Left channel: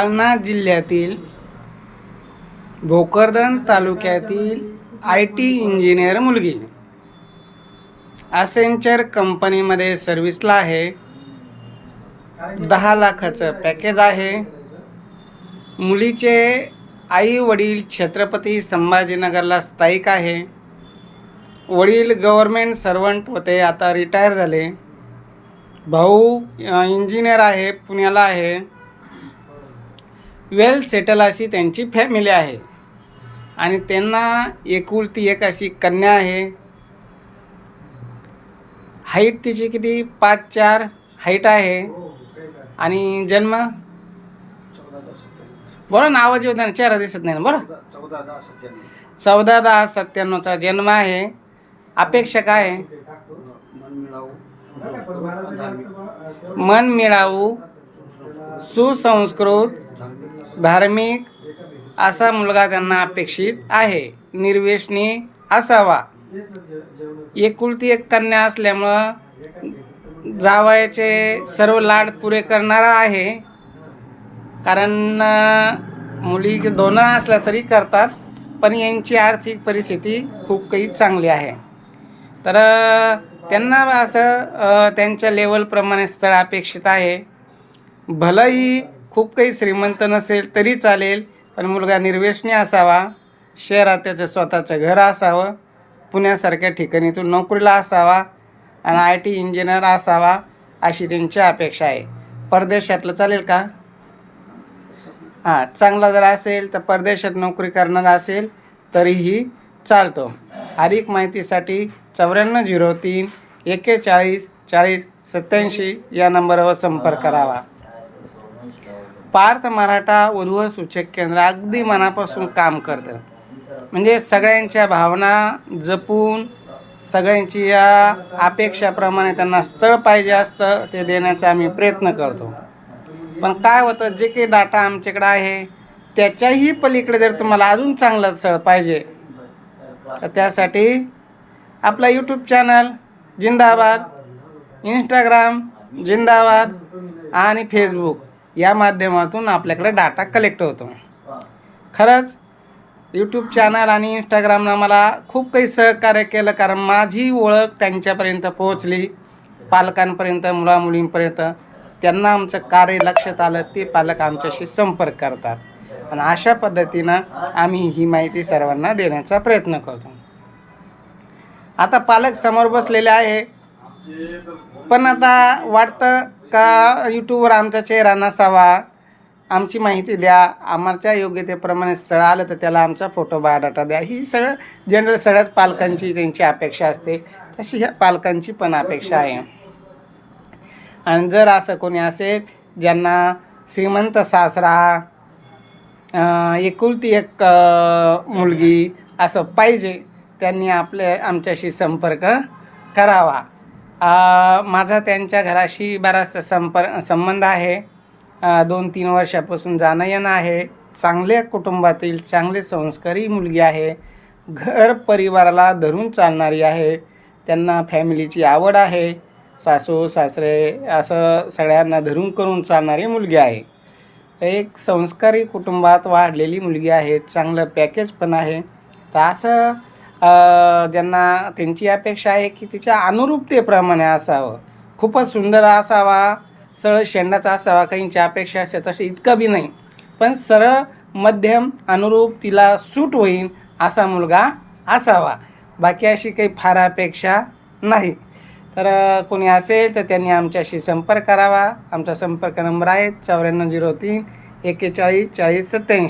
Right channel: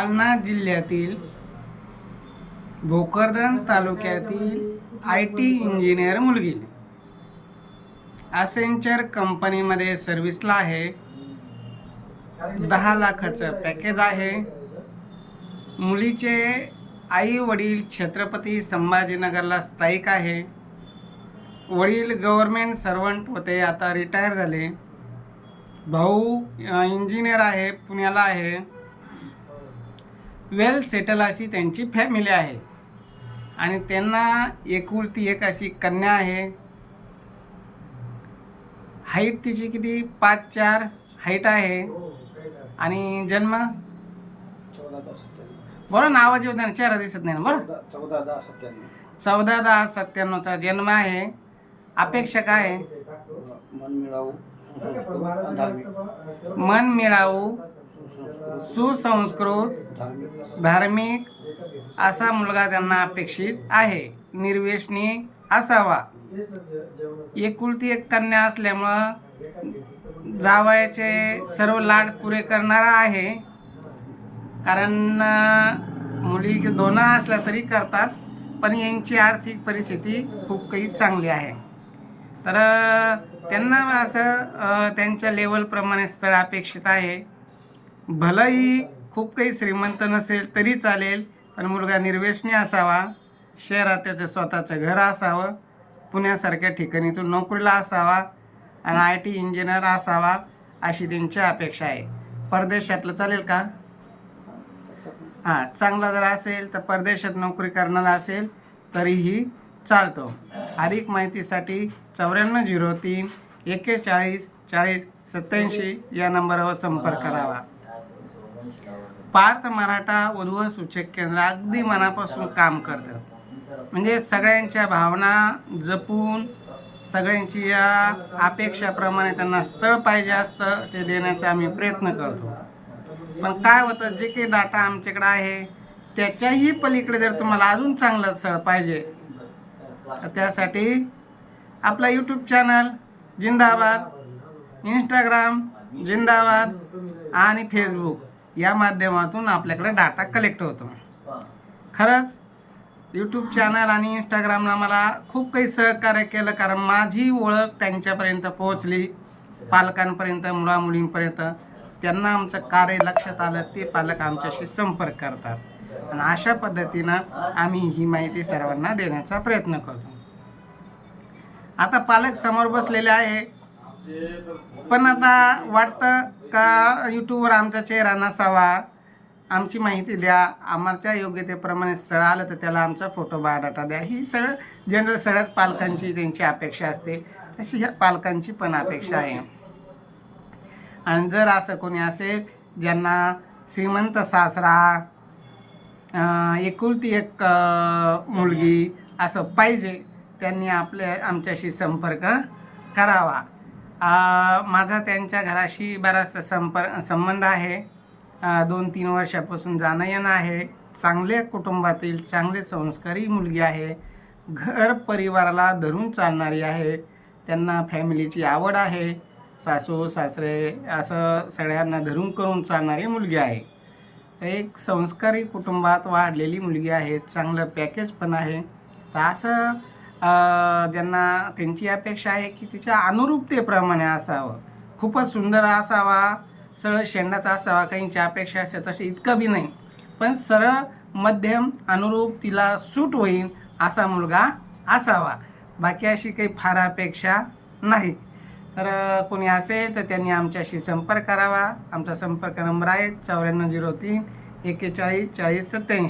जालना जिल्ह्यातील भोकरदन तालुक्यातील I T engineer मुलगी. असेंचर कंपनीमध्ये सर्व्हिसला आहे. दहा लाखाचं पॅकेज आहे. मुलीचे आई वडील छत्रपती संभाजीनगरला स्थायिक आहे. वडील गव्हर्मेंट सर्वंट होते आता रिटायर झाले. भाऊ इंजिनियर आहे पुण्याला आहे. वेल सेटल अशी त्यांची फॅमिली आहे. आणि त्यांना एकुलती एक अशी कन्या आहे. हाईट तिची किती? पाच चार हाईट आहे. आणि जन्म? बरं ना आवाज येऊ द्या ना चेहरा दिसत नाही बरं? चौदा दहा सत्त्याण्णव चौदा दहा सत्त्याण्णवचा जन्म आहे. अपेक्षा काय आहे? मन मिळावू. सुसंस्कृत, धार्मिक असा मुलगा त्यांना अपेक्षित आहे. निर्वेशनी असावा. एकुलती एक कन्या असल्यामुळं जावयाचे सर्व लाड पुरे करणारा आहे. कारण मुली दोनं असल्या तरी करतात पण यांची आर्थिक परिस्थिती खूप काही चांगली आहे. तर त्यांना असं त्यांच्या लेवलप्रमाणे स्थळ अपेक्षित आहे. भलंही खूप काही श्रीमंत नसेल तरी चालेल पण मुलगा निर्वेशनी असावा शहरात त्याचं स्वतःचं घर असावं पुण्यासारख्या ठिकाणी तो नोकरीला असावा आणि आय टी इंजिनियर असावा अशी त्यांची अपेक्षा आहे. परदेशातलं चालेल का? हां चांगला जर असेल तर परदेशात नोकरी करणारा असेल तरीही चालतो. अधिक माहितीसाठी चौऱ्याण्णव झिरो तीन एक्केचाळीस चाळीस सत्याऐंशी या नंबरवर संपर्क करावा पार्थ मराठा उर्वर सूचक केंद्र अगदी मनापासून काम करतं म्हणजे सगळ्यांच्या भावना जपून सगळ्यांची या अपेक्षाप्रमाणे त्यांना स्थळ पाहिजे असतं ते देण्याचा आम्ही प्रयत्न करतो. पण काय होतं जे काही डाटा आमच्याकडे आहे त्याच्याही पलीकडे जर तुम्हाला अजून चांगलं स्थळ पाहिजे तर त्यासाठी आपला यूट्यूब चॅनल जिंदाबाद इंस्टाग्राम जिंदाबाद आणि फेसबुक या माध्यमातून आपल्याकडे डाटा कलेक्ट होतो. खरंच यूट्यूब चॅनल आणि इंस्टाग्रामनं मला खूप काही सहकार्य केलं कारण माझी ओळख त्यांच्यापर्यंत पोहोचली पालकांपर्यंत मुलामुलींपर्यंत. त्यांना आमचं कार्य लक्षात आलं ते पालक आमच्याशी संपर्क करतात. आणि अशा पद्धतीनं आम्ही ही माहिती सर्वांना देण्याचा प्रयत्न करतो. आता पालक समोर बसलेले आहे. पण आता वाटतं का यूट्यूबवर आमचा चेहरा नसावा? आमची माहिती द्या. आमच्या योग्यतेप्रमाणे स्थळ आलं तर त्याला आमचा फोटो बायोडाटा द्या. ही सगळं जनरल सगळ्याच पालकांची त्यांची अपेक्षा असते. तशी ह्या पालकांची पण अपेक्षा आहे. आणि जर असं कोणी असेल ज्यांना श्रीमंत सासरा एकुलती एक मुलगी असं पाहिजे त्यांनी आपले आमच्याशी संपर्क करावा. माझा त्यांच्या घराशी बराचसा संपर् संबंध आहे. दोन तीन वर्षापासून जाणं येणं आहे. चांगल्या कुटुंबातील चांगले संस्कारी मुलगी आहे. घर परिवाराला धरून चालणारी आहे. त्यांना फॅमिलीची आवड आहे. सासू सासरे असं सगळ्यांना धरून करून चालणारी मुलगी आहे. एक संस्कारी कुटुंबात वाढलेली मुलगी आहे. चांगलं पॅकेज पण आहे. तर असं ज्यांना त्यांची अपेक्षा आहे की तिच्या अनुरूपतेप्रमाणे असावं. खूपच सुंदर असावा सरळ शेंडाचा असावा काहींची अपेक्षा असते तसे इतकं बी नाही. पण सरळ मध्यम अनुरूप तिला सूट होईल असा मुलगा असावा. बाकी अशी काही फार अपेक्षा नाही. तर कोणी असेल तर त्यांनी आमच्याशी संपर्क करावा. आमचा संपर्क नंबर आहे चौऱ्याण्णव झिरो तीन एक्केचाळीस चाळीस सत्याऐंशी